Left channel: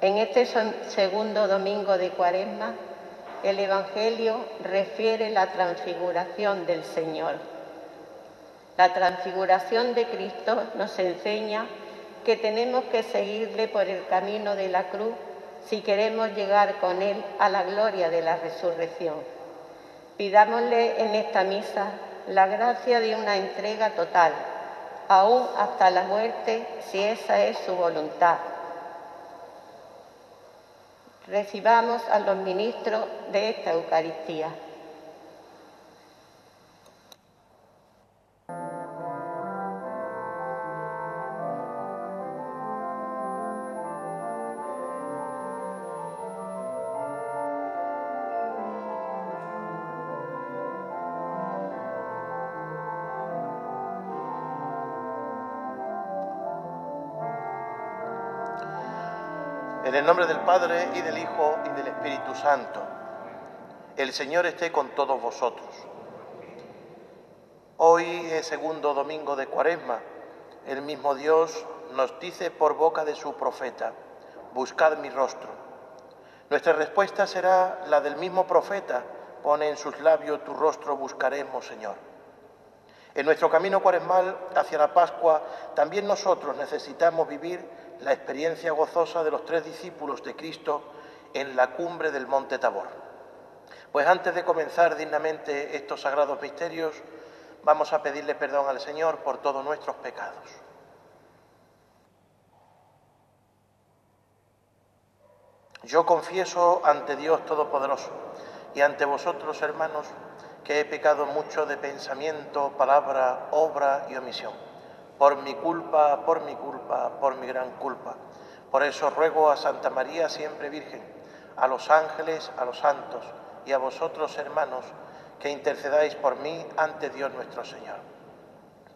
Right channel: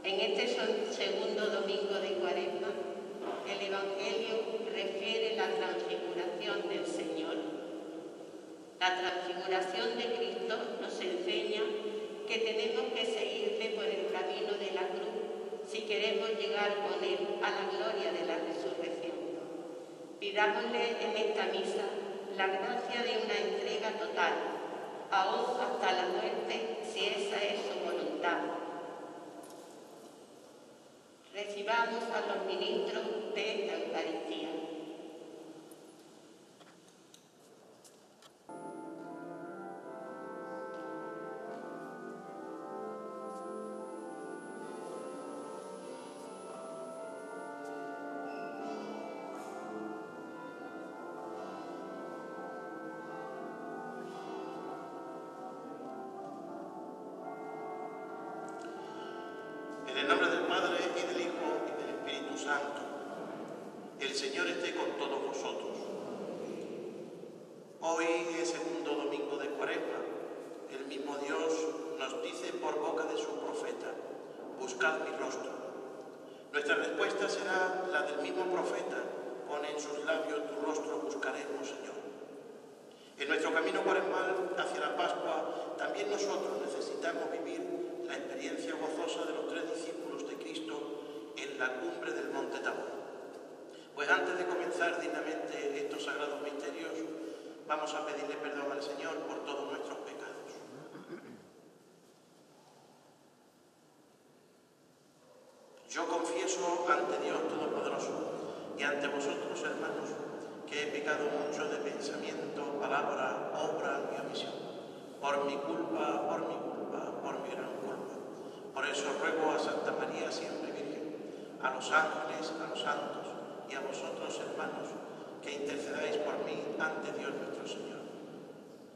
En este segundo domingo de Cuaresma, el Evangelio refiere la transfiguración del Señor. La transfiguración de Cristo nos enseña que tenemos que seguirle por el camino de la cruz si queremos llegar con Él a la gloria de la resurrección. Pidámosle en esta misa la gracia de una entrega total, aún hasta la muerte, si esa es su voluntad. Recibamos a los ministros de esta Eucaristía. En el nombre del Padre, y del Hijo, y del Espíritu Santo. El Señor esté con todos vosotros. Hoy es segundo domingo de Cuaresma. El mismo Dios nos dice por boca de su profeta: buscad mi rostro. Nuestra respuesta será la del mismo profeta: pone en sus labios tu rostro, buscaremos, Señor. En nuestro camino cuaresmal hacia la Pascua, también nosotros necesitamos vivir la experiencia gozosa de los 3 discípulos de Cristo en la cumbre del Monte Tabor. Pues antes de comenzar dignamente estos sagrados misterios, vamos a pedirle perdón al Señor por todos nuestros pecados. Yo confieso ante Dios Todopoderoso y ante vosotros, hermanos, que he pecado mucho de pensamiento, palabra, obra y omisión. Por mi culpa, por mi gran culpa. Por eso ruego a Santa María, siempre Virgen, a los ángeles, a los santos y a vosotros, hermanos, que intercedáis por mí ante Dios nuestro Señor.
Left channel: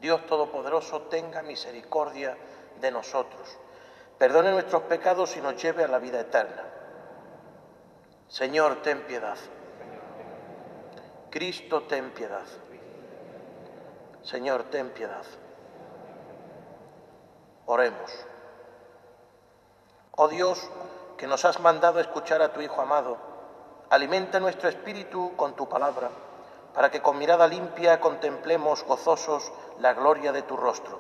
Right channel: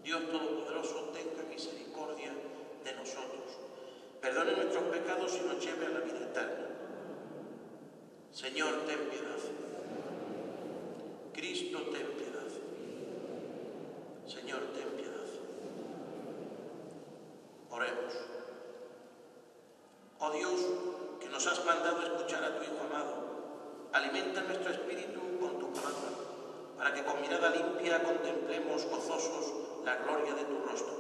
Dios Todopoderoso tenga misericordia de nosotros, perdone nuestros pecados y nos lleve a la vida eterna. Señor, ten piedad. Cristo, ten piedad. Señor, ten piedad. Oremos. Oh Dios, que nos has mandado escuchar a tu Hijo amado, alimenta nuestro espíritu con tu palabra, para que con mirada limpia contemplemos gozosos la gloria de tu rostro.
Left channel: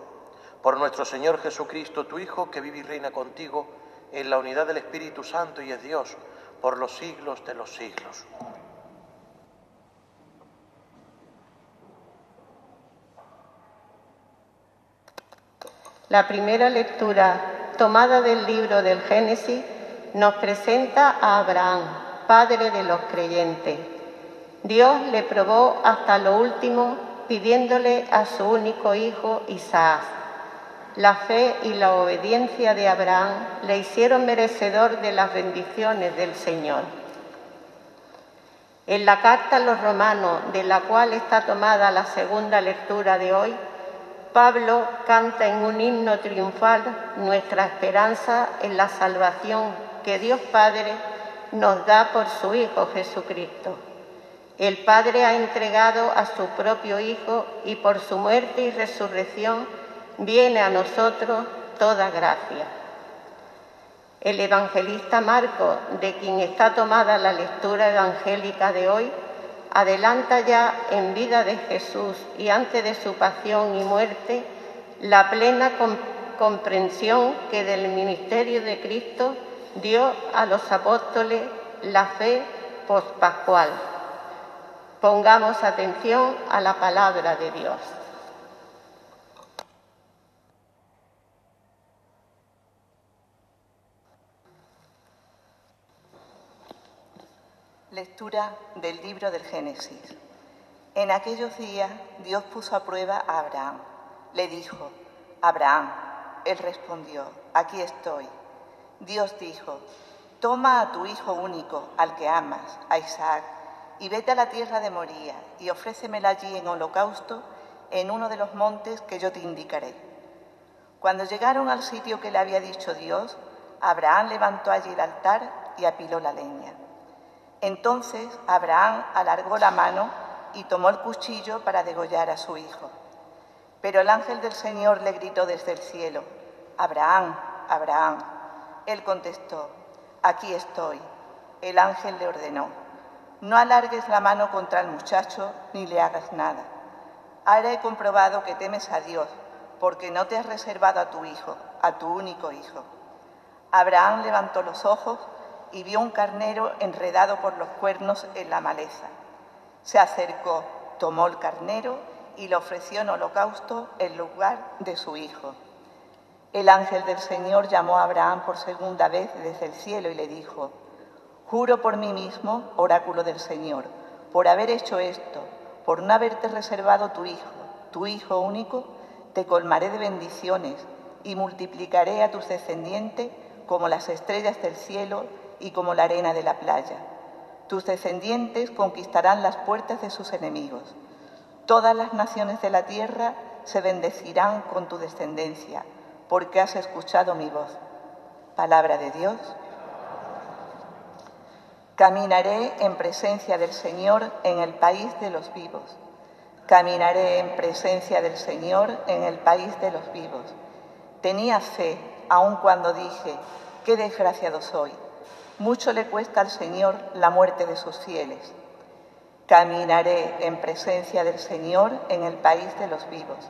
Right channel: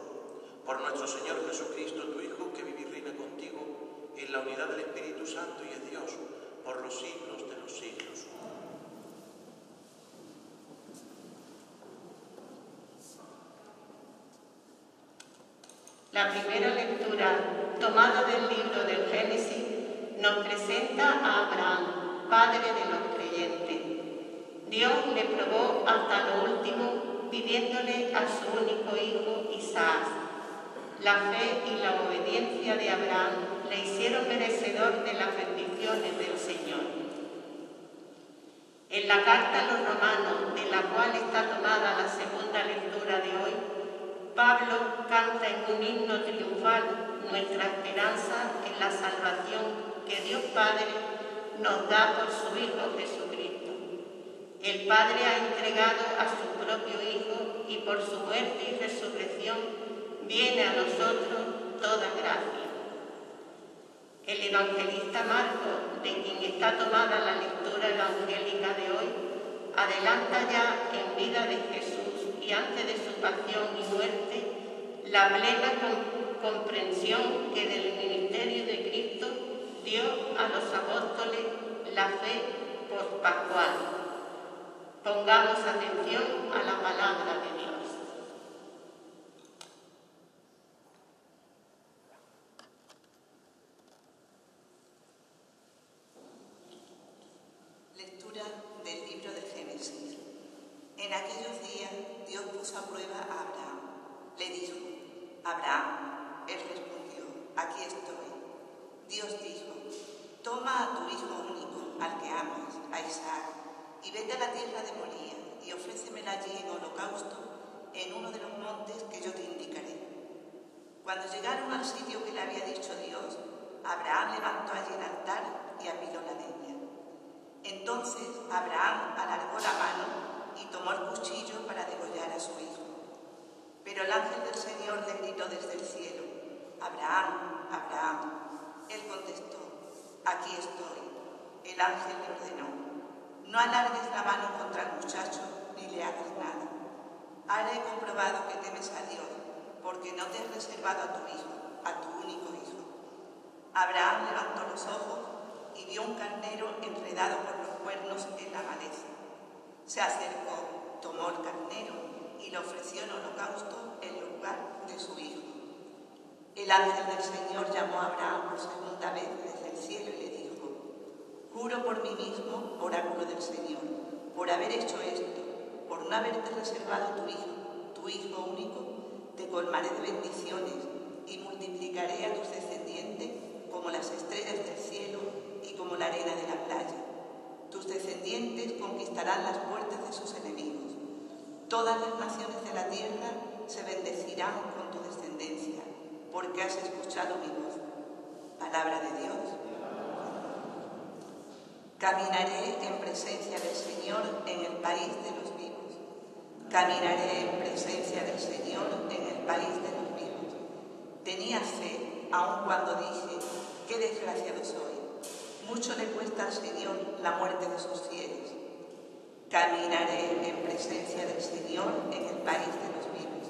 Por nuestro Señor Jesucristo, tu Hijo, que vive y reina contigo en la unidad del Espíritu Santo y es Dios, por los siglos de los siglos. La primera lectura, tomada del libro del Génesis, nos presenta a Abraham, padre de los creyentes. Dios le probó hasta lo último, pidiéndole a su único hijo, Isaac. La fe y la obediencia de Abraham le hicieron merecedor de las bendiciones del Señor. En la carta a los Romanos, de la cual está tomada la segunda lectura de hoy, Pablo canta en un himno triunfal nuestra esperanza en la salvación que Dios Padre nos da por su Hijo Jesucristo. El Padre ha entregado a su propio Hijo y por su muerte y resurrección viene a nosotros toda gracia. El evangelista Marcos, de quien está tomada la lectura evangélica de hoy, adelanta ya en vida de Jesús y antes de su pasión y muerte la plena comprensión que del ministerio de Cristo dio a los apóstoles la fe pospascual. Pongamos atención a la palabra de Dios. Lectura del libro del Génesis. En aquellos días Dios puso a prueba a Abraham. Le dijo: Abraham. Él respondió: aquí estoy. Dios dijo: toma a tu hijo único, al que amas, a Isaac, y vete a la tierra de Moría y ofrécemela allí en holocausto en uno de los montes que yo te indicaré. Cuando llegaron al sitio que le había dicho Dios, Abraham levantó allí el altar y apiló la leña. Entonces Abraham alargó la mano y tomó el cuchillo para degollar a su hijo. Pero el ángel del Señor le gritó desde el cielo: Abraham, Abraham. Él contestó: Aquí estoy. El ángel le ordenó: no alargues la mano contra el muchacho ni le hagas nada. Ahora he comprobado que temes a Dios, porque no te has reservado a tu hijo, a tu único hijo. Abraham levantó los ojos y vio un carnero enredado por los cuernos en la maleza. Se acercó, tomó el carnero y lo ofreció en holocausto en lugar de su hijo. El ángel del Señor llamó a Abraham por segunda vez desde el cielo y le dijo: juro por mí mismo, oráculo del Señor, por haber hecho esto, por no haberte reservado tu hijo único, te colmaré de bendiciones y multiplicaré a tus descendientes como las estrellas del cielo y como la arena de la playa. Tus descendientes conquistarán las puertas de sus enemigos. Todas las naciones de la tierra se bendecirán con tu descendencia, porque has escuchado mi voz. Palabra de Dios. Caminaré en presencia del Señor en el país de los vivos. Caminaré en presencia del Señor en el país de los vivos. Tenía fe, aun cuando dije: qué desgraciado soy. Mucho le cuesta al Señor la muerte de sus fieles. Caminaré en presencia del Señor en el país de los vivos.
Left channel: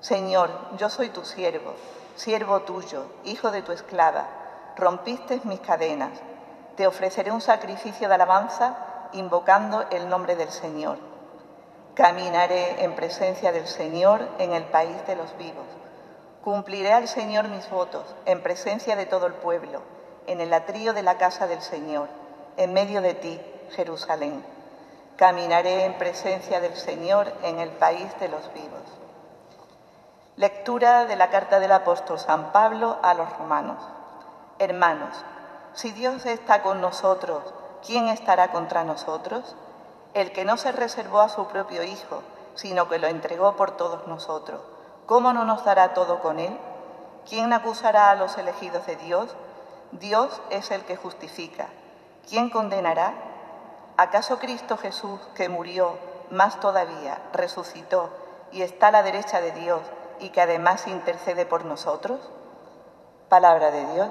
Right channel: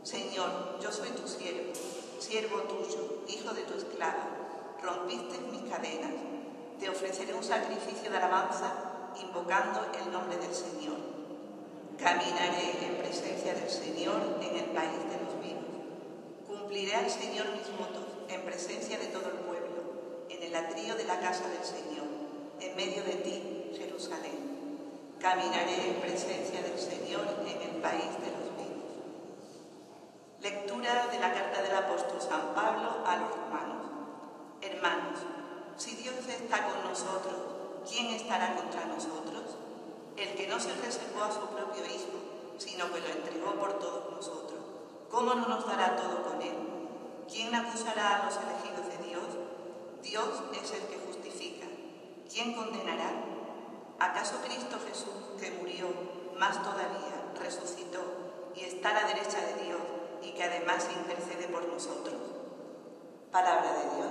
Señor, yo soy tu siervo, siervo tuyo, hijo de tu esclava. Rompiste mis cadenas. Te ofreceré un sacrificio de alabanza invocando el nombre del Señor. Caminaré en presencia del Señor en el país de los vivos. Cumpliré al Señor mis votos en presencia de todo el pueblo, en el atrio de la casa del Señor, en medio de ti, Jerusalén. Caminaré en presencia del Señor en el país de los vivos. Lectura de la carta del apóstol San Pablo a los romanos. Hermanos, si Dios está con nosotros, ¿quién estará contra nosotros? El que no se reservó a su propio Hijo, sino que lo entregó por todos nosotros, ¿cómo no nos dará todo con él? ¿Quién acusará a los elegidos de Dios? Dios es el que justifica. ¿Quién condenará? ¿Acaso Cristo Jesús, que murió, más todavía, resucitó y está a la derecha de Dios y que además intercede por nosotros? Palabra de Dios.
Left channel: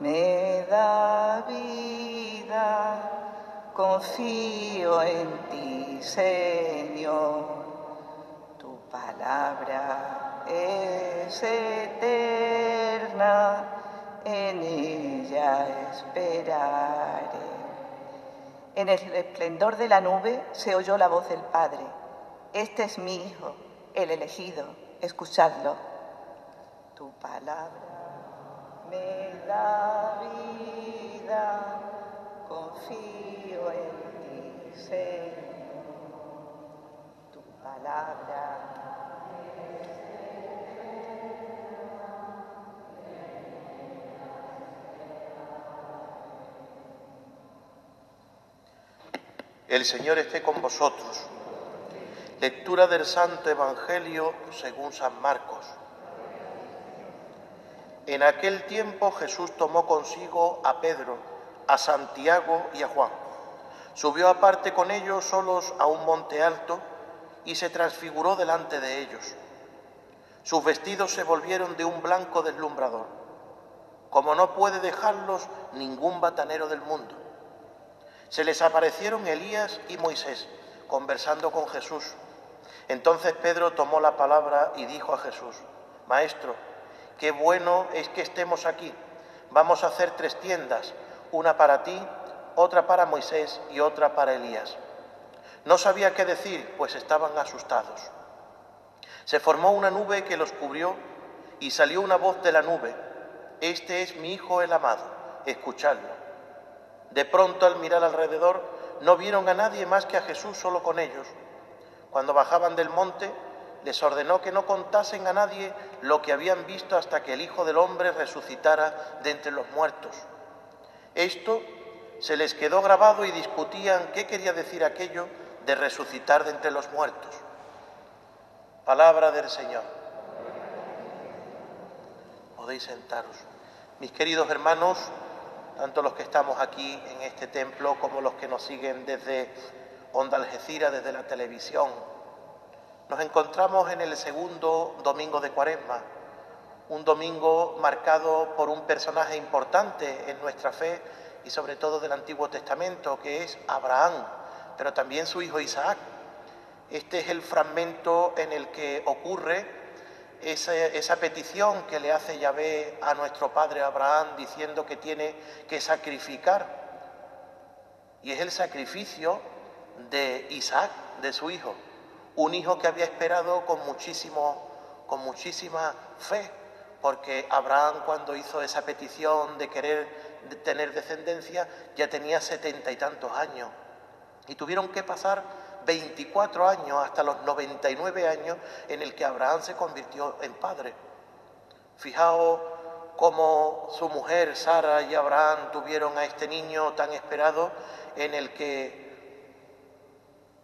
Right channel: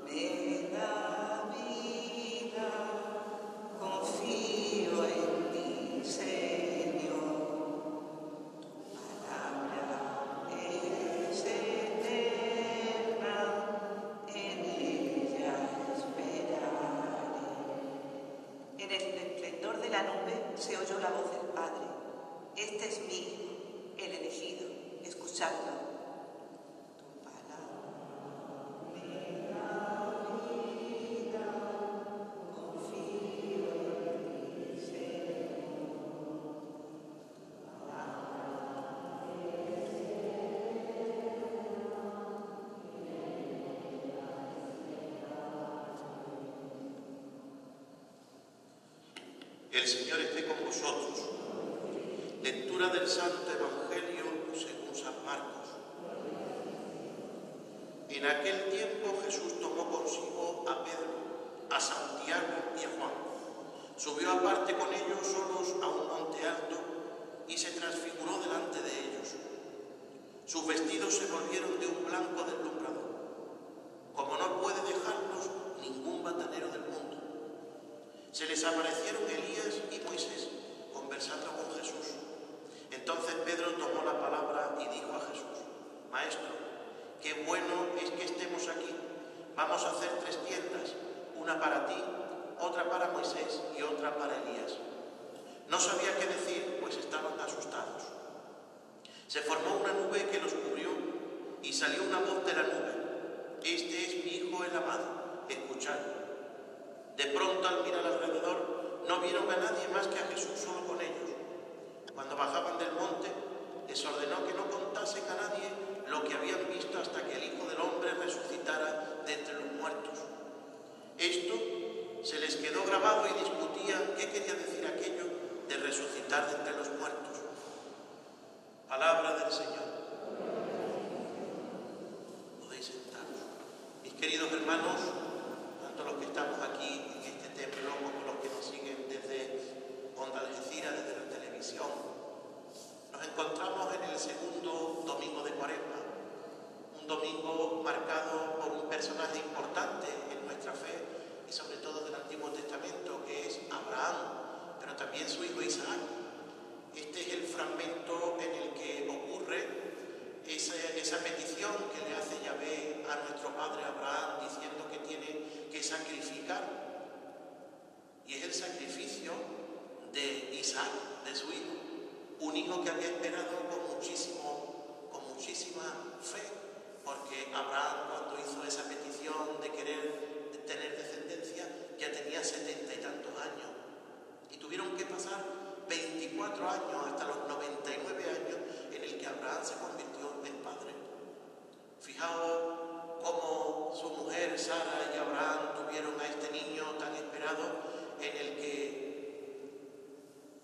Me da vida, confío en ti, Señor. Tu palabra es eterna, en ella esperaré. En el esplendor de la nube se oyó la voz del Padre: este es mi Hijo, el elegido, escuchadlo. Tu palabra me da vida, confío en ti, Señor. Tu palabra. El Señor esté con vosotros. Lectura del Santo Evangelio según San Marcos. En aquel tiempo Jesús tomó consigo a Pedro, a Santiago y a Juan. Subió aparte con ellos solos a un monte alto y se transfiguró delante de ellos. Sus vestidos se volvieron de un blanco deslumbrador, como no puede dejarlos ningún batanero del mundo. Se les aparecieron Elías y Moisés, conversando con Jesús. Entonces Pedro tomó la palabra y dijo a Jesús: Maestro, qué bueno es que estemos aquí. Vamos a hacer 3 tiendas, una para ti, otra para Moisés y otra para Elías. No sabía qué decir, pues estaban asustados. Se formó una nube que los cubrió y salió una voz de la nube: Este es mi Hijo el amado, escuchadlo. De pronto, al mirar alrededor, no vieron a nadie más que a Jesús solo con ellos. Cuando bajaban del monte, les ordenó que no contasen a nadie lo que habían visto hasta que el Hijo del Hombre resucitara de entre los muertos. Esto se les quedó grabado y discutían qué quería decir aquello de resucitar de entre los muertos. Palabra del Señor. Podéis sentaros. Mis queridos hermanos, tanto los que estamos aquí en este templo como los que nos siguen desde Onda Algeciras, desde la televisión, nos encontramos en el segundo domingo de Cuaresma, un domingo marcado por un personaje importante en nuestra fe y sobre todo del Antiguo Testamento, que es Abraham, pero también su hijo Isaac. Este es el fragmento en el que ocurre esa petición que le hace Yahvé a nuestro padre Abraham, diciendo que tiene que sacrificar. Y es el sacrificio de Isaac, de su hijo, un hijo que había esperado con muchísima fe, porque Abraham, cuando hizo esa petición de querer tener descendencia, ya tenía 70 y tantos años, y tuvieron que pasar 24 años hasta los 99 años en el que Abraham se convirtió en padre. Fijaos cómo su mujer Sara y Abraham tuvieron a este niño tan esperado, en el que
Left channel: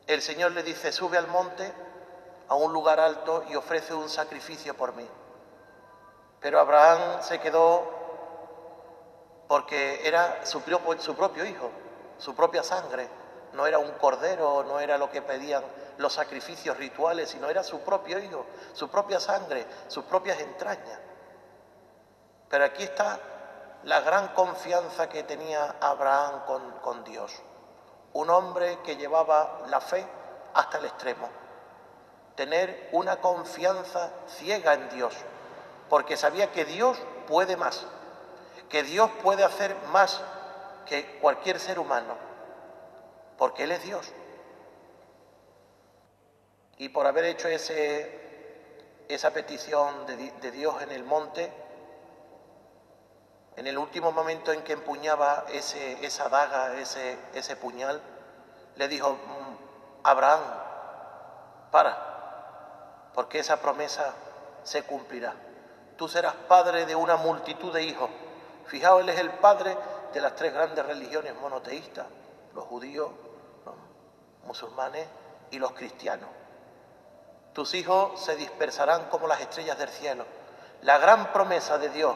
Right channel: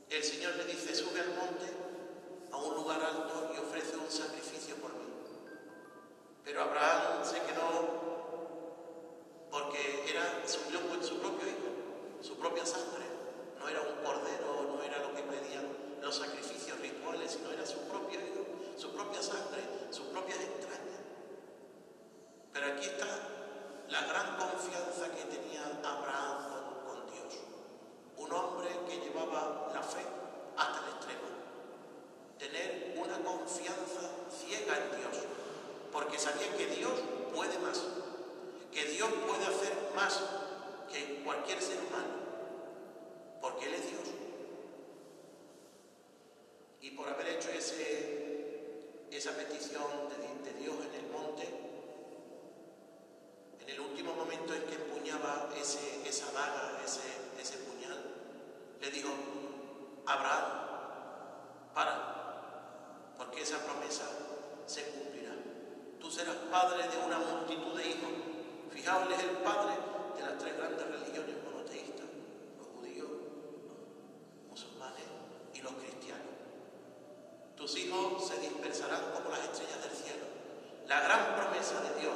el Señor le dice: sube al monte, a un lugar alto, y ofrece un sacrificio por mí. Pero Abraham se quedó, porque era su propio hijo, su propia sangre. No era un cordero, no era lo que pedían los sacrificios rituales, sino era su propio hijo, su propia sangre, sus propias entrañas. Pero aquí está la gran confianza que tenía Abraham con Dios. Un hombre que llevaba la fe hasta el extremo. Tener una confianza ciega en Dios, porque sabía que Dios puede más, que Dios puede hacer más que cualquier ser humano, porque Él es Dios. Y por haber hecho esa petición de Dios en el monte, en el último momento en que empuñaba esa daga, ese puñal, le dijo: Abraham, para, porque esa promesa se cumplirá. Tú serás padre de una multitud de hijos. Fijaos, Él es el padre de las tres grandes religiones monoteístas: los judíos, los musulmanes y los cristianos. Tus hijos se dispersarán como las estrellas del cielo. La gran promesa de Dios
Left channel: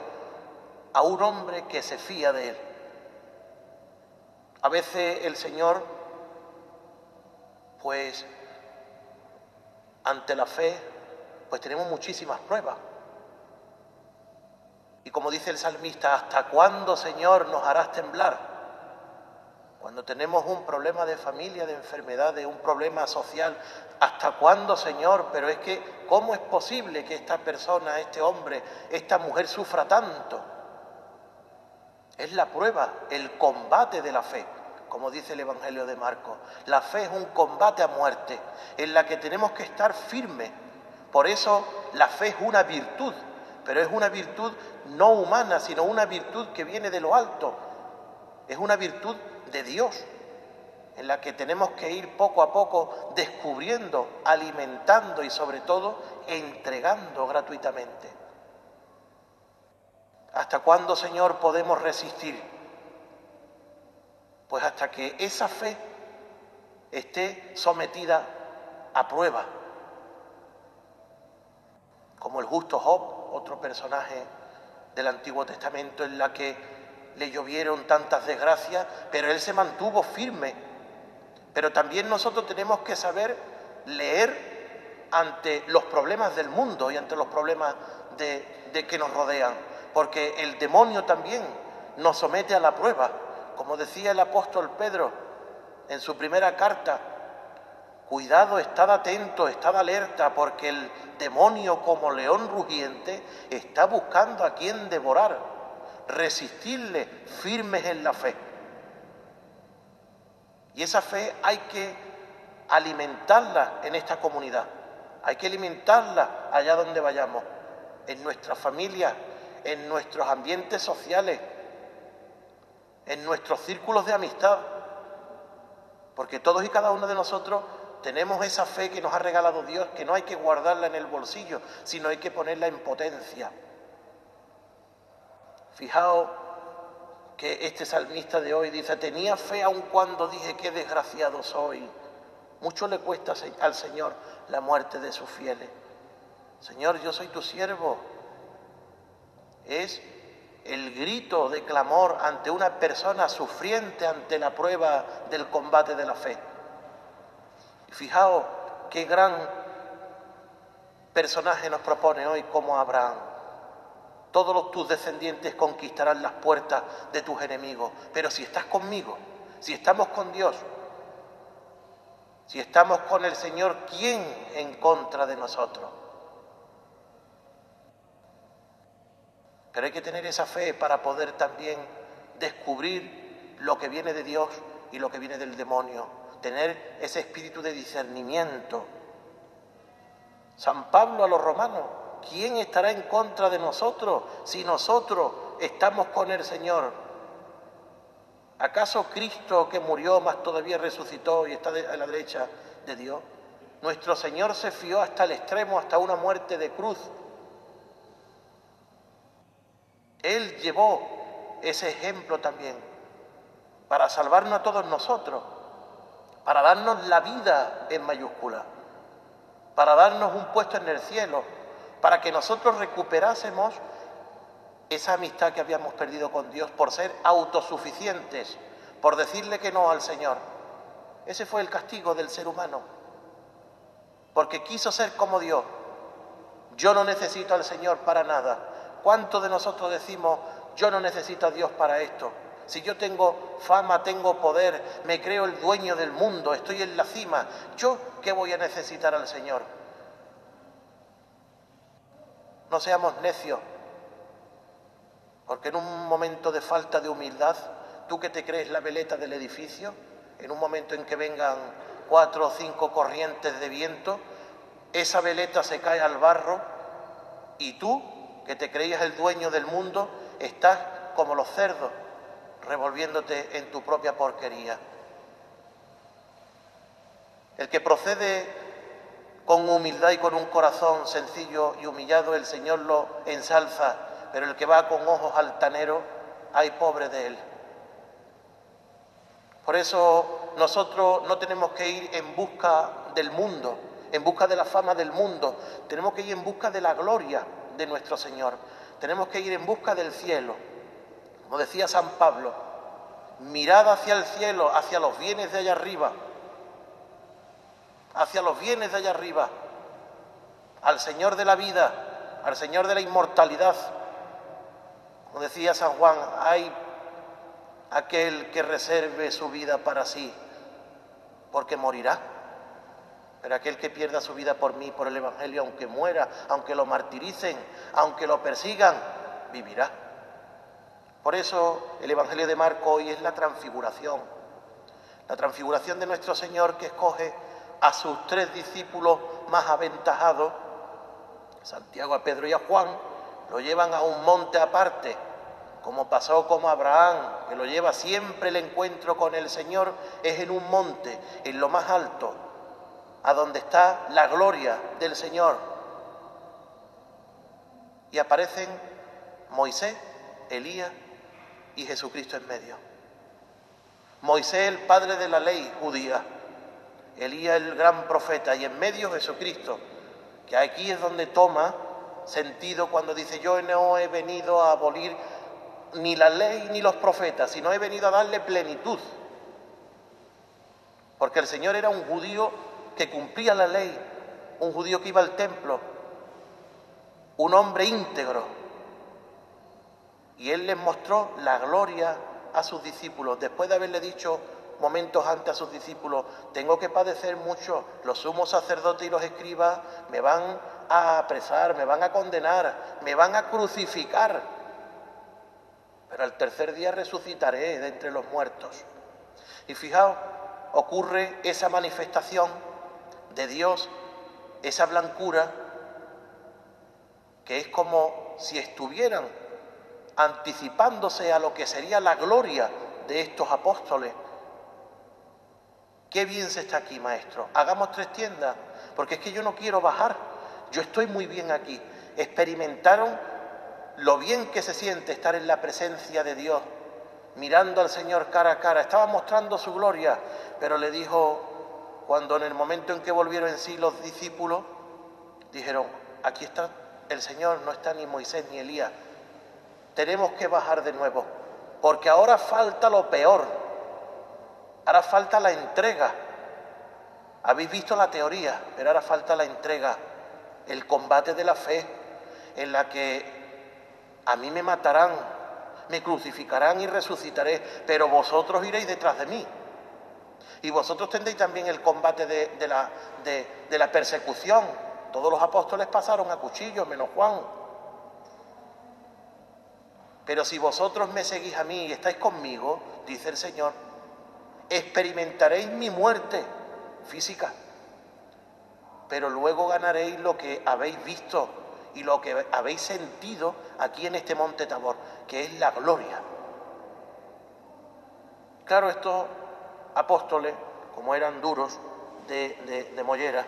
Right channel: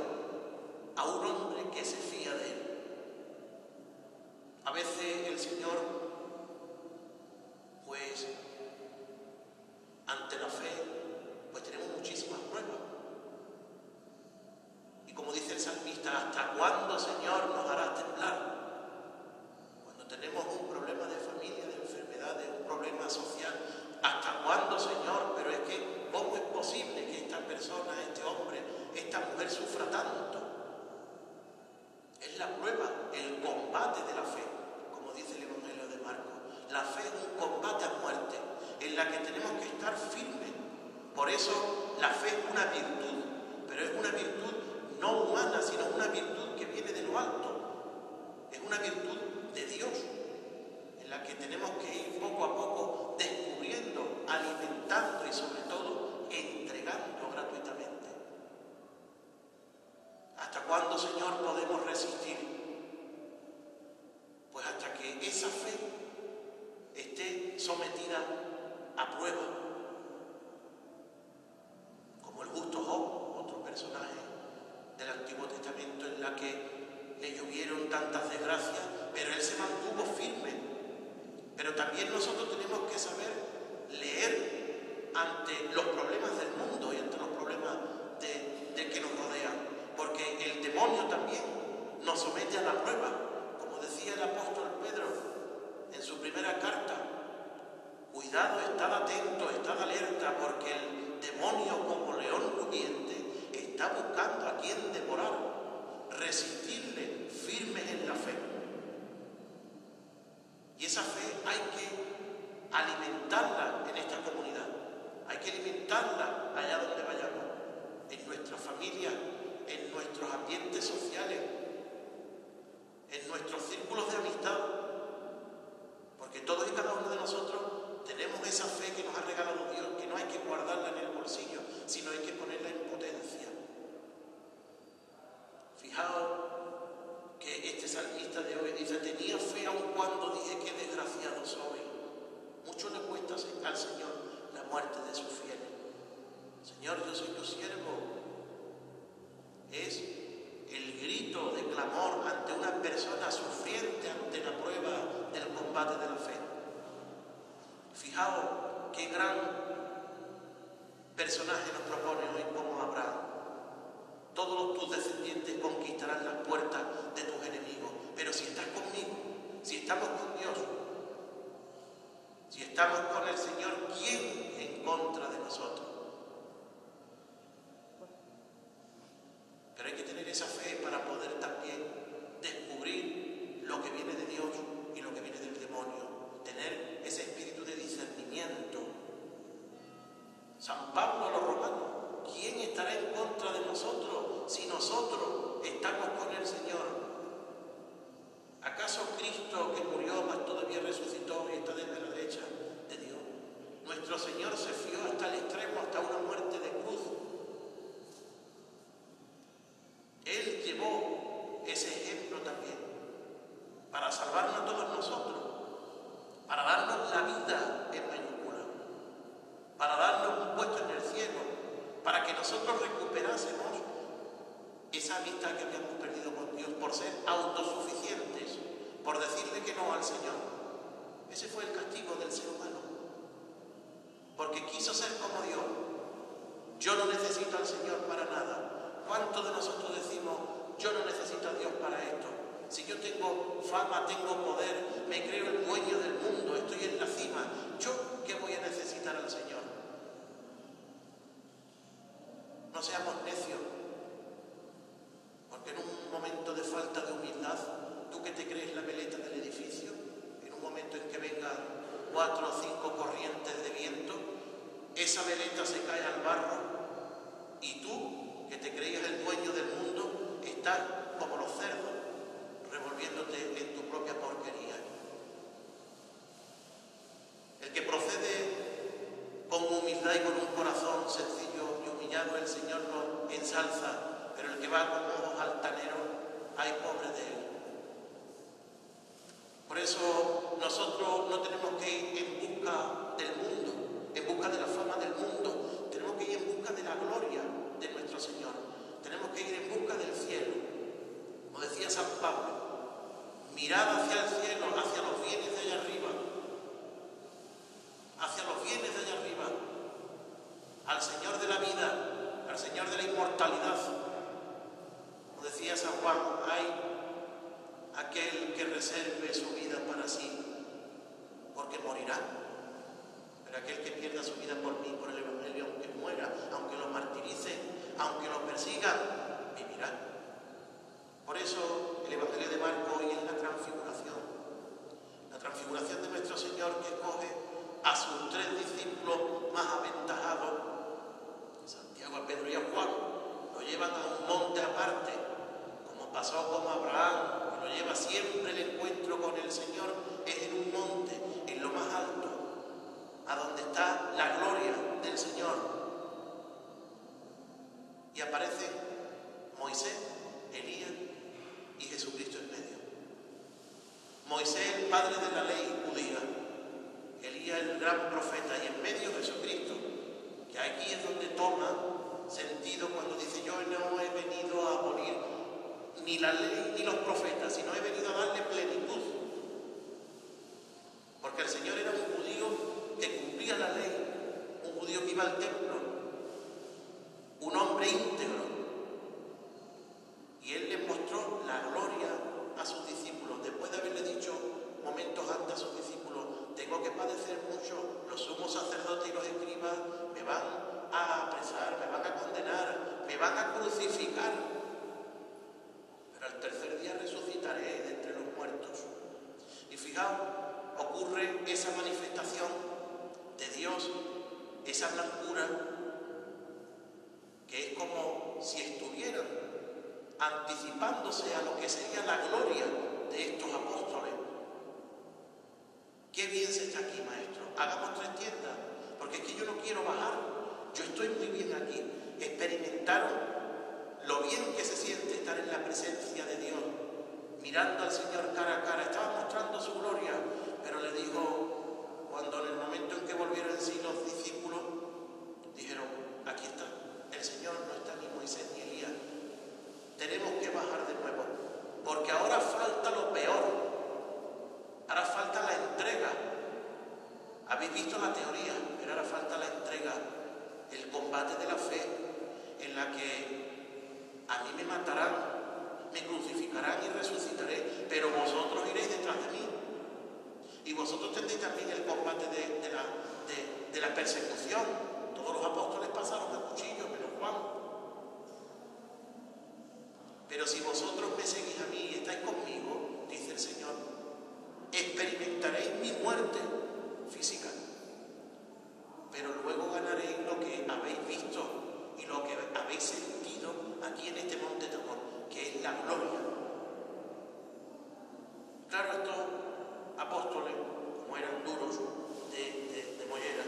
a un hombre que se fía de Él. A veces el Señor, pues, ante la fe, pues tenemos muchísimas pruebas. Y como dice el salmista: ¿hasta cuándo, Señor, nos harás temblar? Cuando tenemos un problema de familia, de enfermedad, de un problema social, ¿hasta cuándo, Señor? Pero es que, ¿cómo es posible que esta persona, este hombre, esta mujer sufra tanto? Es la prueba, el combate de la fe, como dice el Evangelio de Marcos. La fe es un combate a muerte, en la que tenemos que estar firmes. Por eso la fe es una virtud, pero es una virtud no humana, sino una virtud que viene de lo alto. Es una virtud de Dios, en la que tenemos que ir poco a poco descubriendo, alimentando y sobre todo entregando gratuitamente. ¿Hasta cuándo, Señor, podemos resistir? Pues hasta que esa fe esté sometida a prueba. Como el justo Job, otro personaje del Antiguo Testamento, en la que le llovieron tantas desgracias, pero él se mantuvo firme. Pero también nosotros tenemos que saber leer ante los problemas del mundo y ante los problemas de que nos rodean, porque el demonio también nos somete a la prueba. Como decía el apóstol Pedro en su primera carta: cuidado, estad atento, estad alerta, porque el demonio, como león rugiente, está buscando a quien devorar. Resistirle firmes en la fe. Y esa fe hay que alimentarla en esta comunidad. Hay que alimentarla allá donde vayamos, en nuestras familias, en nuestros ambientes sociales, en nuestros círculos de amistad. Porque todos y cada uno de nosotros tenemos esa fe que nos ha regalado Dios, que no hay que guardarla en el bolsillo, sino hay que ponerla en potencia. Fijaos que este salmista de hoy dice: tenía fe aun cuando dije qué desgraciado soy. Mucho le cuesta al Señor la muerte de sus fieles. Señor, yo soy tu siervo. Es el grito de clamor ante una persona sufriente ante la prueba del combate de la fe. Fijaos qué gran personaje nos propone hoy como Abraham. Todos tus descendientes conquistarán las puertas de tus enemigos. Pero si estás conmigo, si estamos con Dios, si estamos con el Señor, ¿quién en contra de nosotros? Pero hay que tener esa fe para poder también descubrir lo que viene de Dios y lo que viene del demonio. Tener ese espíritu de discernimiento. San Pablo a los romanos: ¿quién estará en contra de nosotros si nosotros estamos con el Señor? ¿Acaso Cristo, que murió, más todavía resucitó y está a la derecha de Dios? Nuestro Señor se fió hasta el extremo, hasta una muerte de cruz. Él llevó ese ejemplo también para salvarnos a todos nosotros, para darnos la vida en mayúscula, para darnos un puesto en el cielo, para que nosotros recuperásemos esa amistad que habíamos perdido con Dios por ser autosuficientes, por decirle que no al Señor. Ese fue el castigo del ser humano, porque quiso ser como Dios. Yo no necesito al Señor para nada. ¿Cuántos de nosotros decimos: yo no necesito a Dios para esto? Si yo tengo fama, tengo poder, me creo el dueño del mundo, estoy en la cima, ¿yo qué voy a necesitar al Señor? No seamos necios, porque en un momento de falta de humildad, tú que te crees la veleta del edificio, en un momento en que vengan 4 o 5 corrientes de viento, esa veleta se cae al barro y tú, que te creías el dueño del mundo, estás como los cerdos, revolviéndote en tu propia porquería. El que procede con humildad y con un corazón sencillo y humillado, el Señor lo ensalza, pero el que va con ojos altaneros, ay, pobre de él. Por eso nosotros no tenemos que ir en busca del mundo, en busca de la fama del mundo, tenemos que ir en busca de la gloria de nuestro Señor, tenemos que ir en busca del cielo. Como decía San Pablo: mirad hacia el cielo, hacia los bienes de allá arriba, hacia los bienes de allá arriba, al Señor de la vida, al Señor de la inmortalidad. Como decía San Juan: hay aquel que reserve su vida para sí, porque morirá. Pero aquel que pierda su vida por mí, por el Evangelio, aunque muera, aunque lo martiricen, aunque lo persigan, vivirá. Por eso el Evangelio de Marcos hoy es la transfiguración de nuestro Señor, que escoge a sus 3 discípulos más aventajados, Santiago, a Pedro y a Juan, lo llevan a un monte aparte, como pasó con Abraham, que lo lleva siempre. El encuentro con el Señor es en un monte, en lo más alto, a donde está la gloria del Señor. Y aparecen Moisés, Elías y Jesucristo en medio. Moisés, el padre de la ley judía, Elías, el gran profeta, y en medio Jesucristo, que aquí es donde toma sentido cuando dice: yo no he venido a abolir ni la ley ni los profetas, sino he venido a darle plenitud. Porque el Señor era un judío que cumplía la ley, un judío que iba al templo, un hombre íntegro. Y Él les mostró la gloria a sus discípulos, después de haberle dicho momentos antes a sus discípulos: tengo que padecer mucho, los sumos sacerdotes y los escribas me van a apresar, me van a condenar, me van a crucificar, pero al tercer día resucitaré de entre los muertos. Y fijaos, ocurre esa manifestación de Dios, esa blancura, que es como si estuvieran anticipándose a lo que sería la gloria de estos apóstoles. Qué bien se está aquí, maestro. Hagamos 3 tiendas, porque es que yo no quiero bajar, yo estoy muy bien aquí. Experimentaron lo bien que se siente estar en la presencia de Dios, mirando al Señor cara a cara. Estaba mostrando su gloria, pero le dijo, cuando en el momento en que volvieron en sí los discípulos, dijeron: aquí está el Señor, no está ni Moisés ni Elías. Tenemos que bajar de nuevo, porque ahora falta lo peor, ahora falta la entrega. Habéis visto la teoría, pero ahora falta la entrega, el combate de la fe, en la que A mí me matarán, me crucificarán y resucitaré, pero vosotros iréis detrás de mí. Y vosotros tendréis también el combate de la persecución. Todos los apóstoles pasaron a cuchillo, menos Juan. Pero si vosotros me seguís a mí y estáis conmigo, dice el Señor, experimentaréis mi muerte física, pero luego ganaréis lo que habéis visto y lo que habéis sentido aquí en este monte Tabor, que es la gloria. Claro, estos apóstoles, como eran duros de mollera,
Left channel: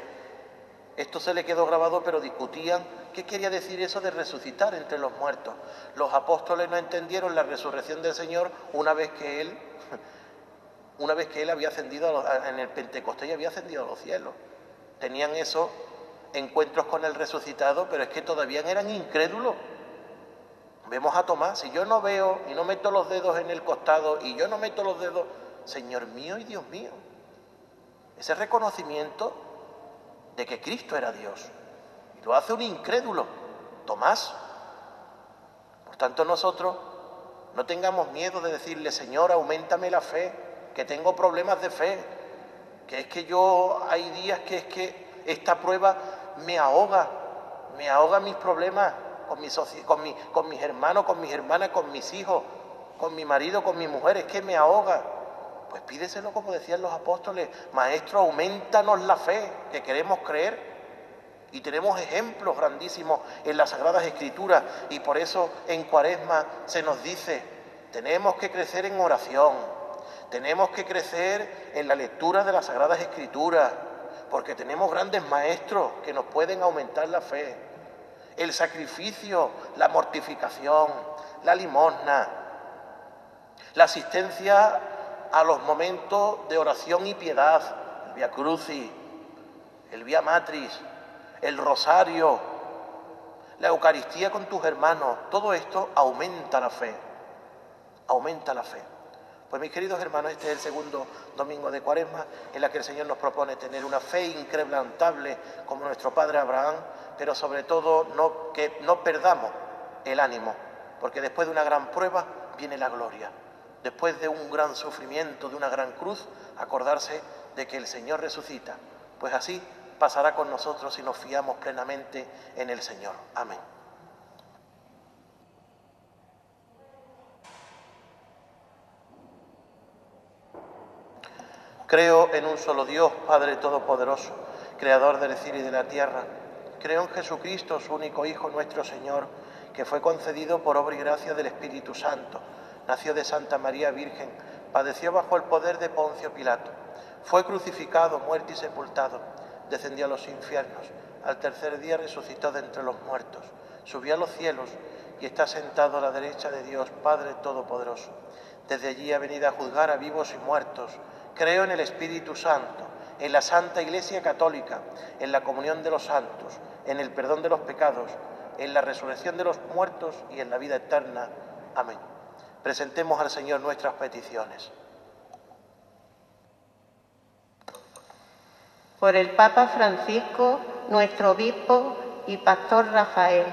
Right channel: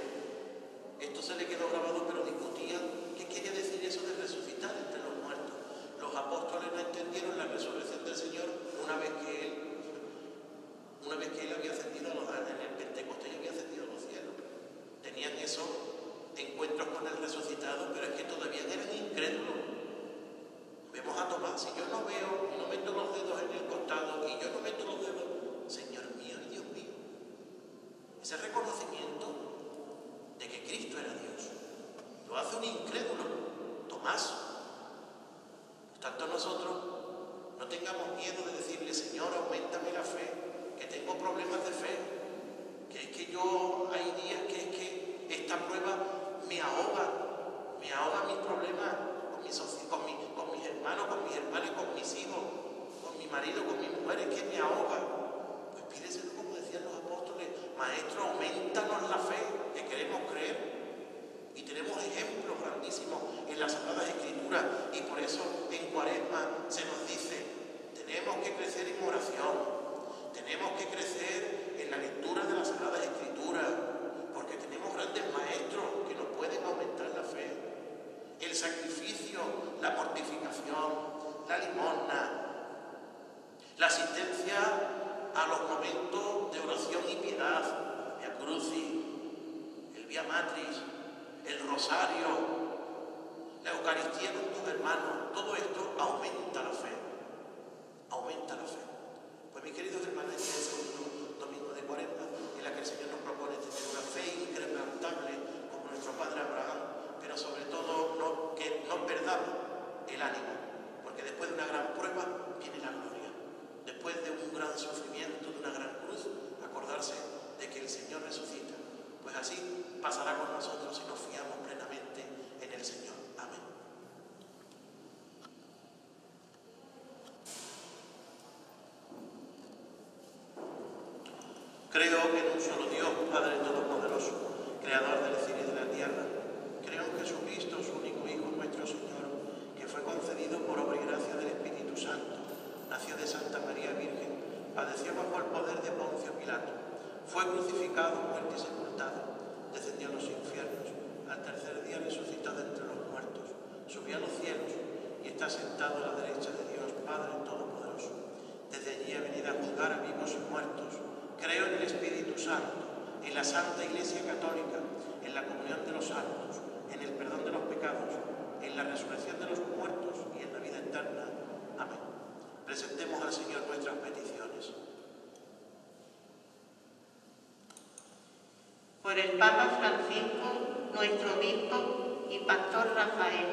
esto se le quedó grabado, pero discutían qué quería decir eso de resucitar entre los muertos. Los apóstoles no entendieron la resurrección del Señor una vez que Él había ascendido en el Pentecostés y había ascendido a los cielos. Tenían esos encuentros con el resucitado, pero es que todavía eran incrédulos. Vemos a Tomás, si yo no veo y no meto los dedos en el costado y yo no meto los dedos, Señor mío y Dios mío. Ese reconocimiento de que Cristo era Dios lo hace un incrédulo, Tomás. Por tanto, nosotros no tengamos miedo de decirle, Señor, auméntame la fe, que tengo problemas de fe, que es que hay días que es que esta prueba me ahoga mis problemas con mis hermanos, con mis hermanas, con mis hijos, con mi marido, con mi mujer, es que me ahoga. Pues pídeselo como decían los apóstoles, Maestro, aumentanos la fe, que queremos creer. Y tenemos ejemplos grandísimos en las Sagradas Escrituras, y por eso en Cuaresma se nos dice, tenemos que crecer en oración, tenemos que crecer en la lectura de las Sagradas Escrituras, porque tenemos grandes maestros que nos pueden aumentar la fe. El sacrificio, la mortificación, la limosna, la asistencia a los momentos de oración y piedad, el Via Crucis, el Via Matris, el rosario, la Eucaristía con tus hermanos, todo esto aumenta la fe, aumenta la fe. Pues mis queridos hermanos, este es el segundo domingo de Cuaresma en la que el Señor nos propone tener una fe inquebrantable como nuestro Padre Abraham, pero sobre todo que no perdamos el ánimo, porque después de una gran prueba viene la gloria. Después de un gran sufrimiento, de una gran cruz, acordarse de que el Señor resucita. Pues así pasará con nosotros si nos fiamos plenamente en el Señor. Amén. Creo en un solo Dios, Padre Todopoderoso, Creador del cielo y de la tierra. Creo en Jesucristo, su único Hijo, nuestro Señor, que fue concebido por obra y gracia del Espíritu Santo. Nació de Santa María Virgen, padeció bajo el poder de Poncio Pilato, fue crucificado, muerto y sepultado, descendió a los infiernos, al tercer día resucitó de entre los muertos, subió a los cielos y está sentado a la derecha de Dios, Padre Todopoderoso. Desde allí ha venido a juzgar a vivos y muertos. Creo en el Espíritu Santo, en la Santa Iglesia Católica, en la comunión de los santos, en el perdón de los pecados, en la resurrección de los muertos y en la vida eterna. Amén. Presentemos al Señor nuestras peticiones. Por el Papa Francisco, nuestro obispo y pastor Rafael,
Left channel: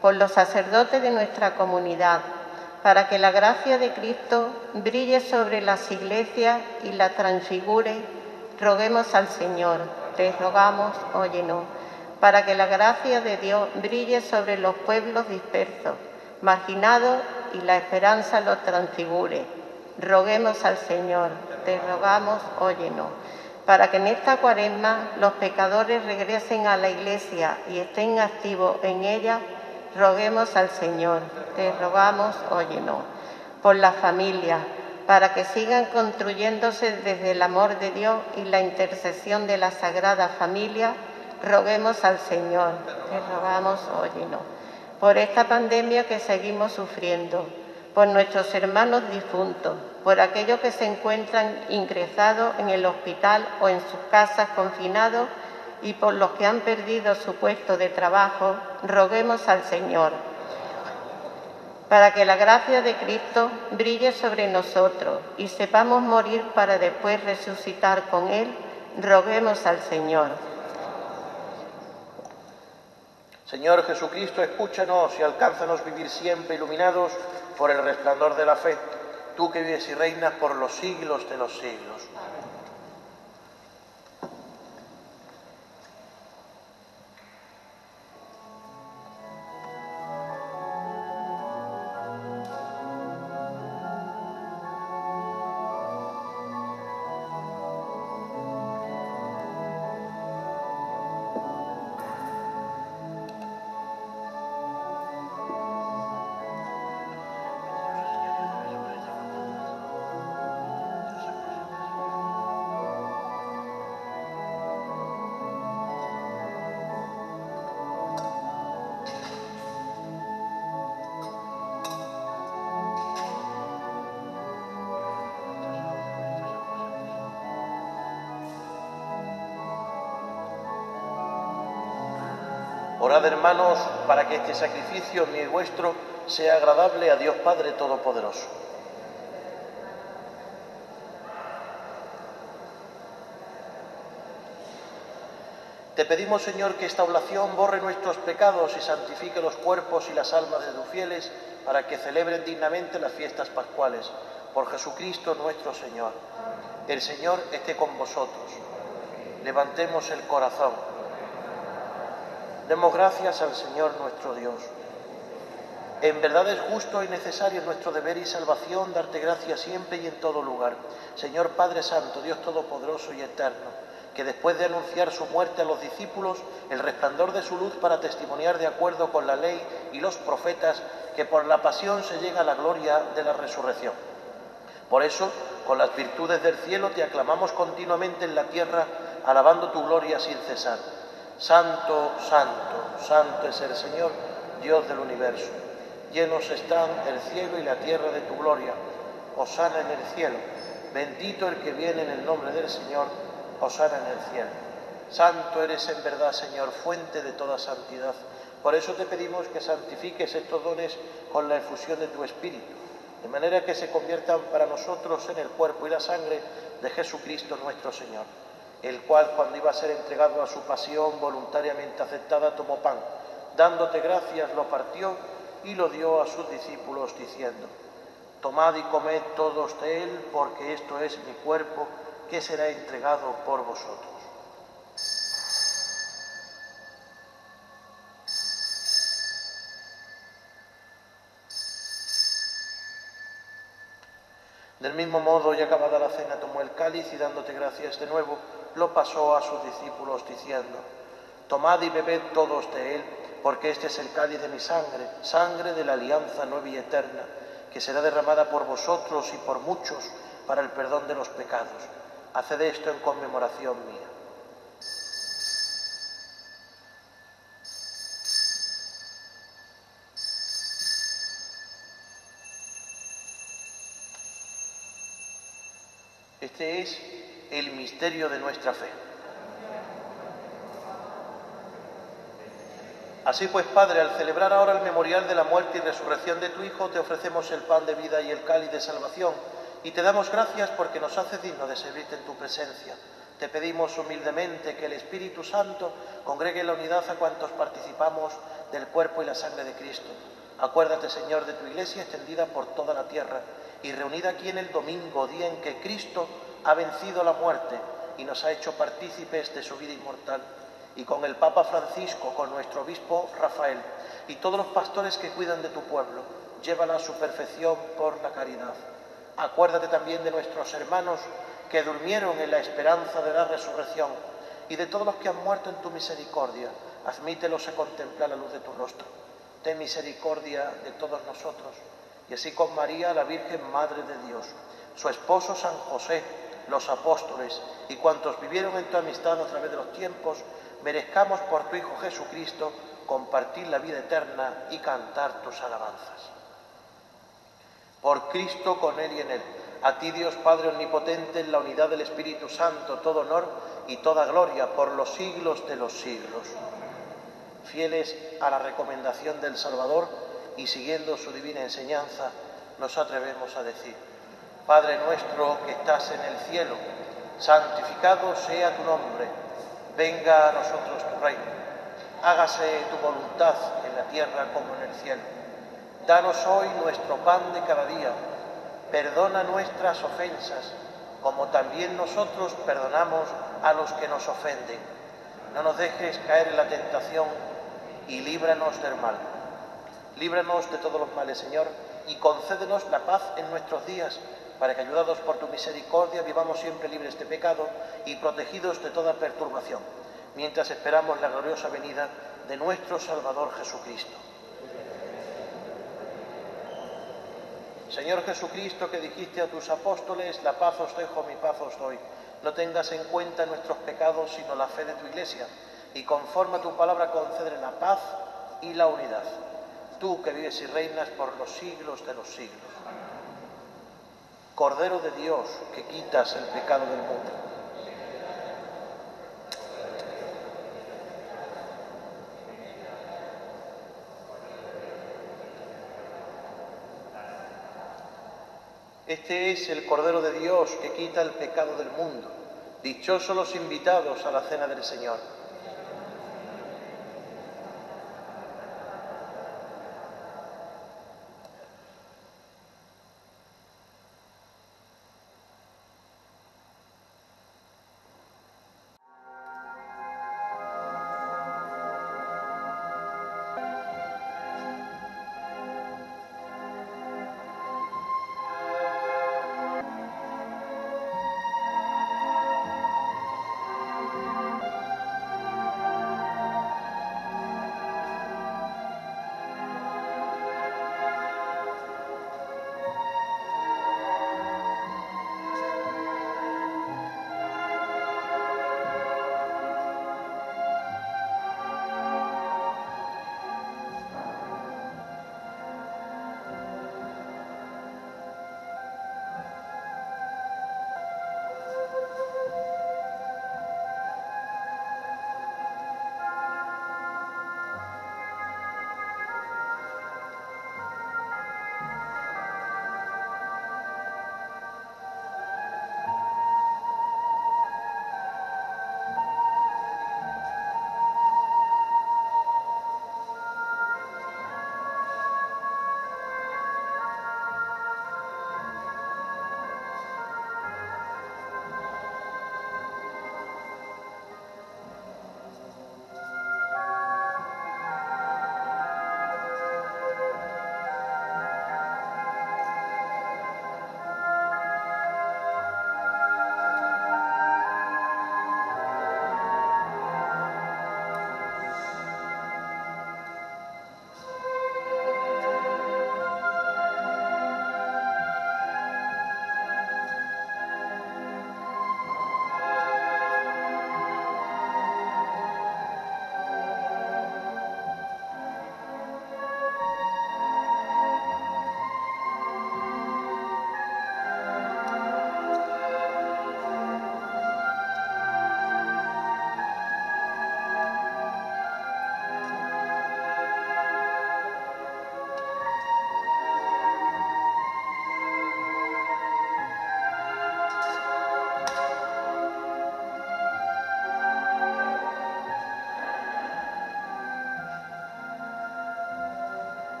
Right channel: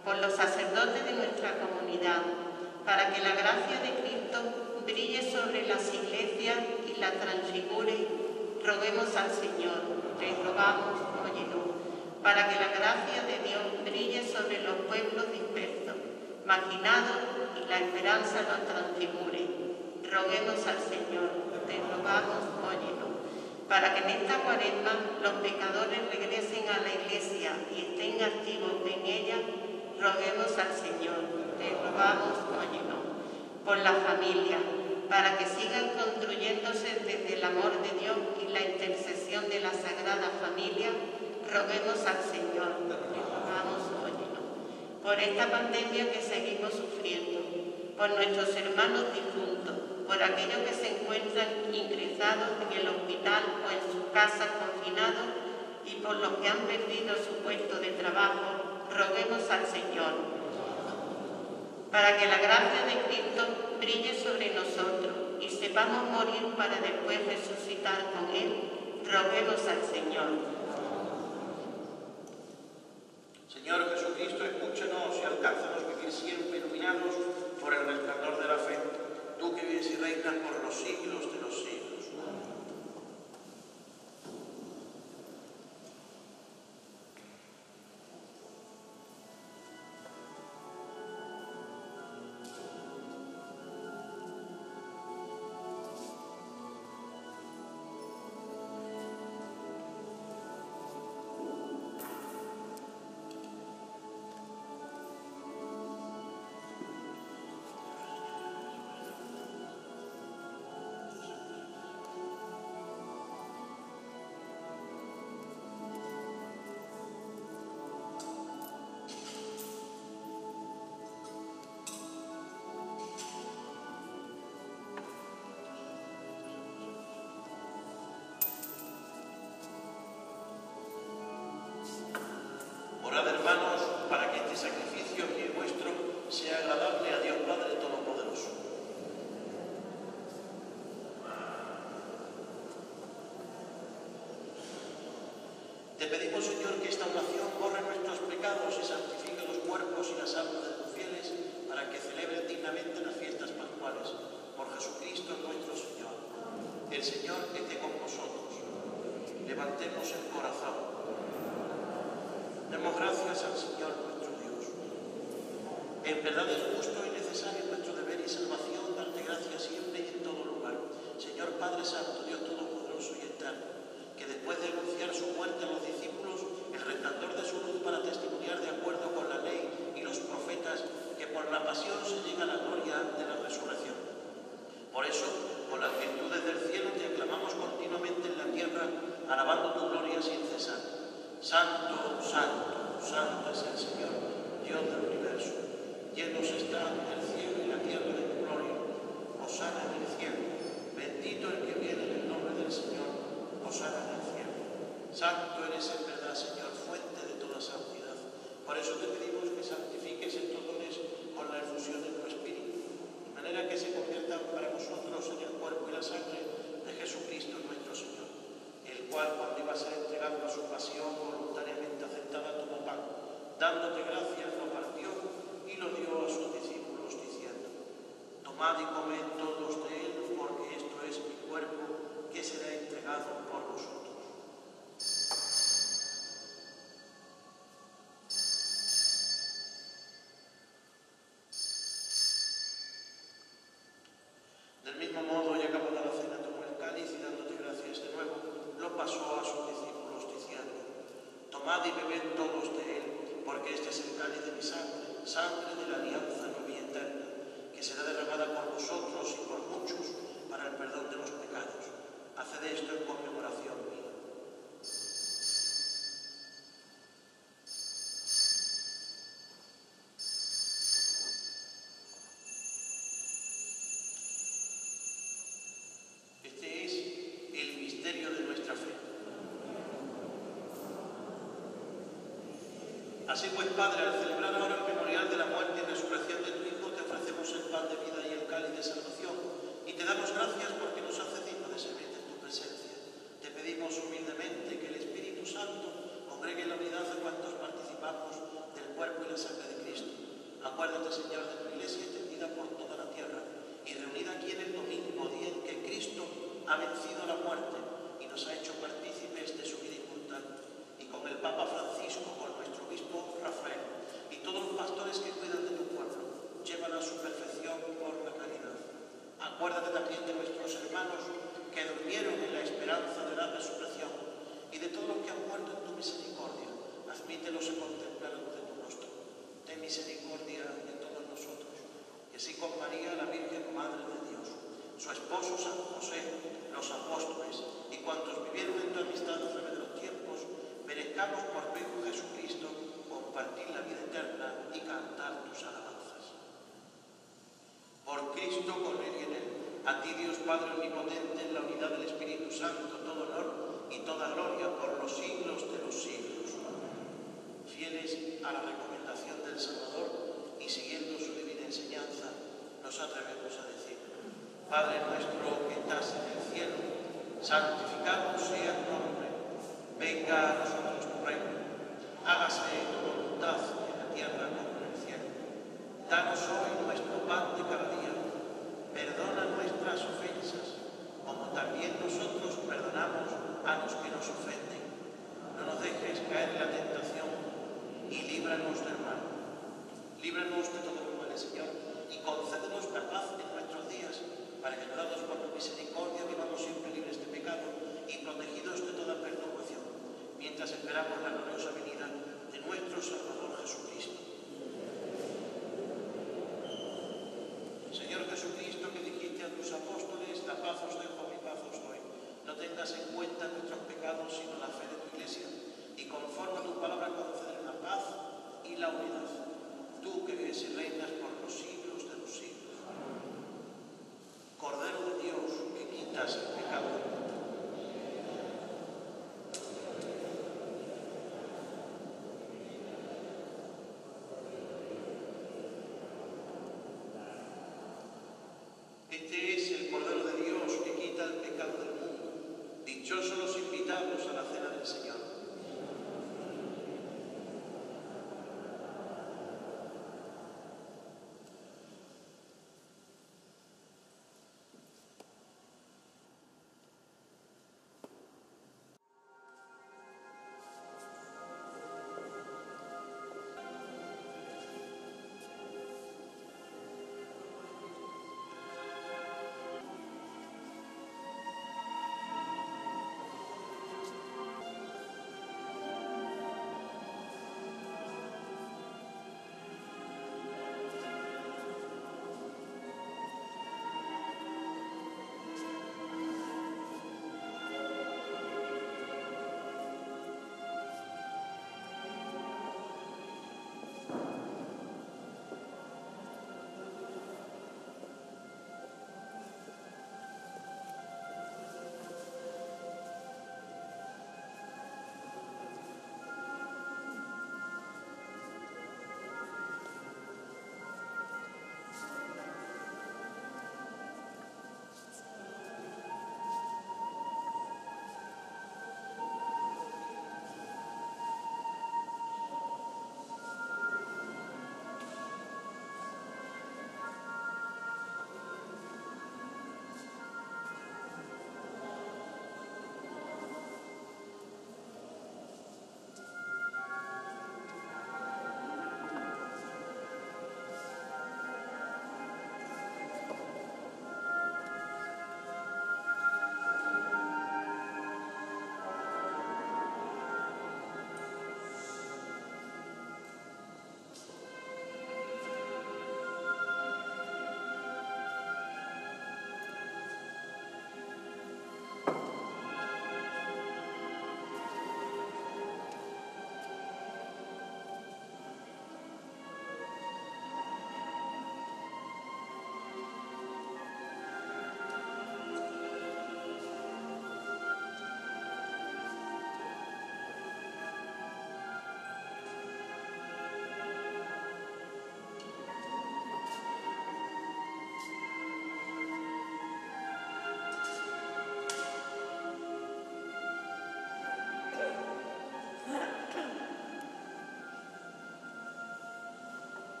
por los sacerdotes de nuestra comunidad, para que la gracia de Cristo brille sobre las iglesias y la transfigure, roguemos al Señor. Te rogamos, óyenos. Para que la gracia de Dios brille sobre los pueblos dispersos, marginados, y la esperanza los transfigure, roguemos al Señor. Te rogamos, óyenos. Para que en esta Cuaresma los pecadores regresen a la Iglesia y estén activos en ella, roguemos al Señor. Te rogamos, óyenos. Por la familia, para que sigan construyéndose desde el amor de Dios y la intercesión de la Sagrada Familia, roguemos al Señor. Te rogamos, óyenos. Por esta pandemia que seguimos sufriendo, por nuestros hermanos difuntos, por aquellos que se encuentran ingresados en el hospital o en sus casas confinados y por los que han perdido su puesto de trabajo, roguemos al Señor. Para que la gracia de Cristo brille sobre nosotros y sepamos morir para después resucitar con Él, roguemos al Señor. Señor Jesucristo, escúchanos y alcánzanos vivir siempre iluminados por el resplandor de la fe, tú que vives y reinas por los siglos de los siglos. Orad, hermanos, para que este sacrificio mío y vuestro sea agradable a Dios Padre Todopoderoso. Te pedimos, Señor, que esta oblación borre nuestros pecados y santifique los cuerpos y las almas de tus fieles para que celebren dignamente las fiestas pascuales. Por Jesucristo nuestro Señor. El Señor esté con vosotros. Levantemos el corazón. Demos gracias al Señor nuestro Dios. En verdad es justo y necesario nuestro deber y salvación darte gracias siempre y en todo lugar. Señor Padre Santo, Dios Todopoderoso y Eterno, que después de anunciar su muerte a los discípulos, el resplandor de su luz para testimoniar de acuerdo con la ley y los profetas, que por la pasión se llega a la gloria de la resurrección. Por eso, con las virtudes del cielo te aclamamos continuamente en la tierra, alabando tu gloria sin cesar. Santo, santo, santo es el Señor, Dios del universo. Llenos están el cielo y la tierra de tu gloria. Hosana en el cielo. Bendito el que viene en el nombre del Señor. Hosana en el cielo. Santo eres en verdad, Señor, fuente de toda santidad. Por eso te pedimos que santifiques estos dones con la efusión de tu Espíritu, de manera que se conviertan para nosotros en el cuerpo y la sangre de Jesucristo nuestro Señor, el cual, cuando iba a ser entregado a su pasión voluntariamente aceptada, tomó pan, dándote gracias, lo partió y lo dio a sus discípulos, diciendo: tomad y comed todos de él, porque esto es mi cuerpo, que será entregado por vosotros. Del mismo modo, y acabada la cena, tomó el cáliz y, dándote gracias de nuevo, lo pasó a sus discípulos, diciendo: tomad y bebed todos de él, porque este es el cáliz de mi sangre, sangre de la alianza nueva y eterna, que será derramada por vosotros y por muchos para el perdón de los pecados. Haced esto en conmemoración mía. Este es el misterio de nuestra fe. Así pues, Padre, al celebrar ahora el memorial de la muerte y resurrección de tu Hijo, te ofrecemos el pan de vida y el cáliz de salvación, y te damos gracias porque nos haces dignos de servirte en tu presencia. Te pedimos humildemente que el Espíritu Santo congregue en la unidad a cuantos participamos del cuerpo y la sangre de Cristo. Acuérdate, Señor, de tu Iglesia extendida por toda la tierra y reunida aquí en el domingo, día en que Cristo ha vencido la muerte y nos ha hecho partícipes de su vida inmortal. Y con el Papa Francisco, con nuestro obispo Rafael y todos los pastores que cuidan de tu pueblo, llévala a su perfección por la caridad. Acuérdate también de nuestros hermanos que durmieron en la esperanza de la resurrección y de todos los que han muerto en tu misericordia. Admítelos a contemplar la luz de tu rostro. Ten misericordia de todos nosotros, y así con María, la Virgen Madre de Dios, su esposo San José, los apóstoles y cuantos vivieron en tu amistad a través de los tiempos, merezcamos por tu Hijo Jesucristo compartir la vida eterna y cantar tus alabanzas. Por Cristo, con Él y en Él, a ti, Dios Padre Omnipotente, en la unidad del Espíritu Santo, todo honor y toda gloria por los siglos de los siglos. Fieles a la recomendación del Salvador y siguiendo su divina enseñanza, nos atrevemos a decir: Padre nuestro que estás en el cielo, santificado sea tu nombre. Venga a nosotros tu reino. Hágase tu voluntad en la tierra como en el cielo. Danos hoy nuestro pan de cada día. Perdona nuestras ofensas, como también nosotros perdonamos a los que nos ofenden. No nos dejes caer en la tentación y líbranos del mal. Líbranos de todos los males, Señor, y concédenos la paz en nuestros días, para que, ayudados por tu misericordia, vivamos siempre libres de pecado y protegidos de toda perturbación, mientras esperamos la gloriosa venida de nuestro Salvador Jesucristo. Señor Jesucristo, que dijiste a tus apóstoles, la paz os dejo, mi paz os doy. No tengas en cuenta nuestros pecados, sino la fe de tu Iglesia, y conforme a tu palabra concédele la paz y la unidad. Tú que vives y reinas por los siglos de los siglos. Cordero de Dios, que quitas el pecado del mundo. Este es el Cordero de Dios que quita el pecado del mundo. Dichosos los invitados a la cena del Señor.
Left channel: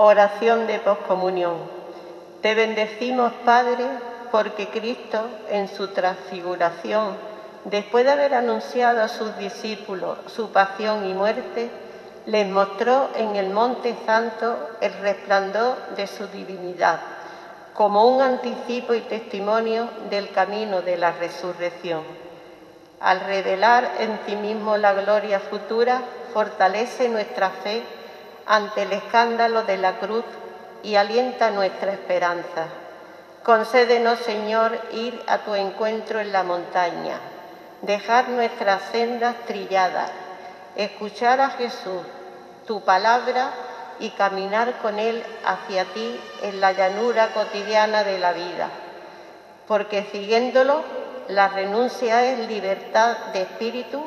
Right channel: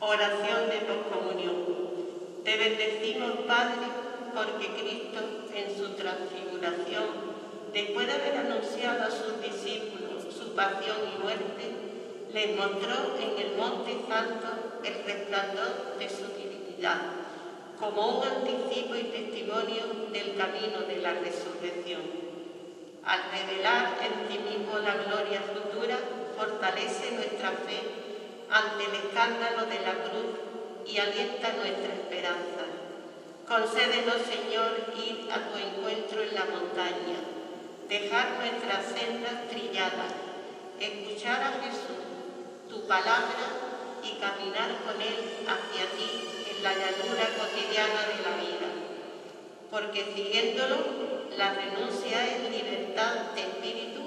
Oración de poscomunión. Te bendecimos, Padre, porque Cristo, en su transfiguración, después de haber anunciado a sus discípulos su pasión y muerte, les mostró en el Monte Santo el resplandor de su divinidad, como un anticipo y testimonio del camino de la resurrección. Al revelar en sí mismo la gloria futura, fortalece nuestra fe ante el escándalo de la cruz y alienta nuestra esperanza. Concédenos, Señor, ir a tu encuentro en la montaña, dejar nuestras sendas trilladas, escuchar a Jesús, tu palabra, y caminar con Él hacia ti en la llanura cotidiana de la vida. Porque siguiéndolo, la renuncia es libertad de espíritu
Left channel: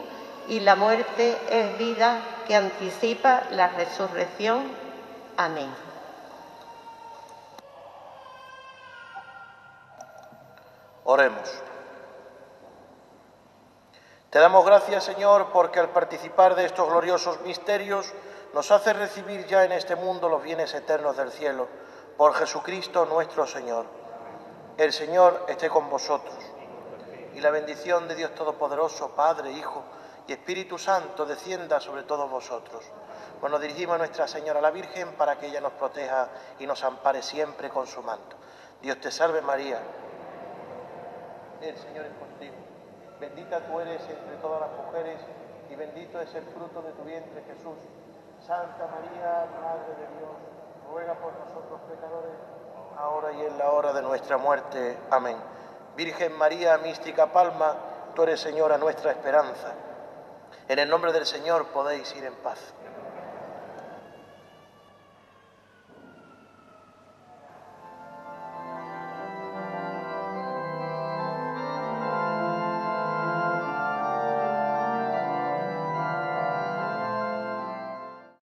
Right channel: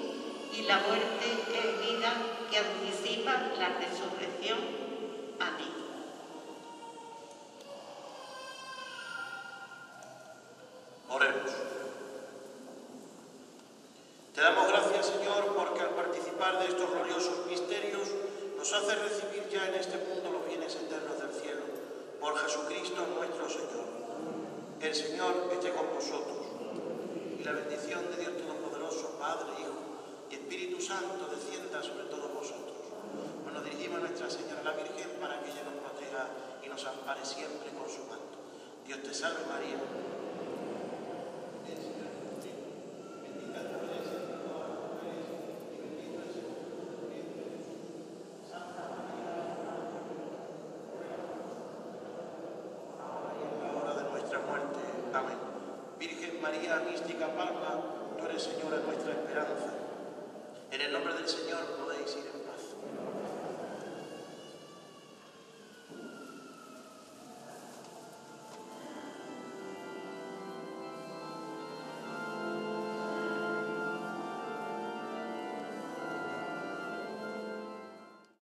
y la muerte es vida que anticipa la resurrección. Amén. Oremos. Te damos gracias, Señor, porque al participar de estos gloriosos misterios nos hace recibir ya en este mundo los bienes eternos del cielo, por Jesucristo nuestro Señor. El Señor esté con vosotros, y la bendición de Dios Todopoderoso, Padre, Hijo y Espíritu Santo, descienda sobre todos vosotros. Pues nos dirigimos a Nuestra Señora la Virgen para que ella nos proteja y nos ampare siempre con su manto. Dios te salve, María. El Señor es contigo. Bendita tú eres entre todas las mujeres y bendito es el fruto de tu vientre, Jesús. Santa María, Madre de Dios, ruega por nosotros pecadores, ahora y en la hora de nuestra muerte. Amén. Virgen María, mística palma, tú eres, Señora, nuestra esperanza. En el nombre del Señor podéis ir en paz.